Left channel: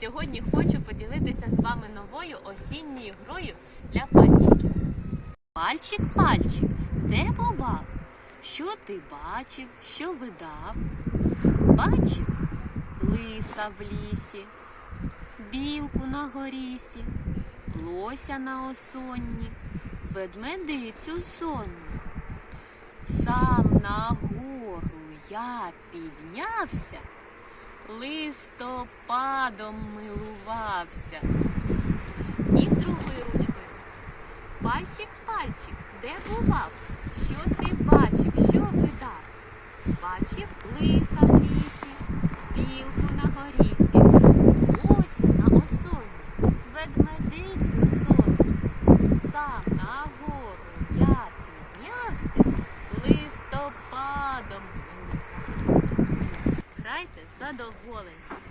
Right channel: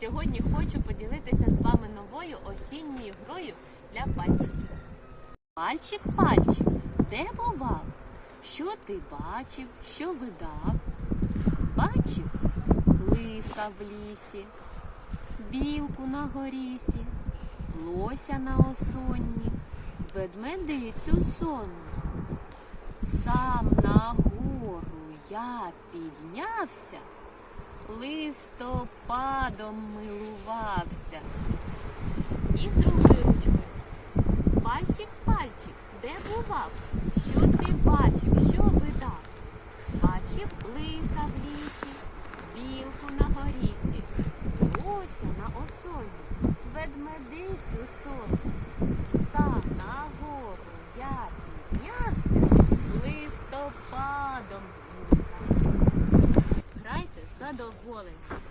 сьогодні хочу поділитися з вами новою осінньою грою для пальчиків. Пальчик, пальчик, де бував? Що ти бачив, що видав? Бачив лиса в лісі, білку на горісі, лося на осонні, ведмедицю сонну. Сам на гору я піднявся, листопадом милувався. І з другою ручкою. Пальчик, пальчик, де бував? Що ти бачив, що видав? Бачив лиса в лісі, білку на горісі, ося на осоні, ведмедицю сонну. Сам на гору я піднявся, листопадом милувався. Грайте задоволені.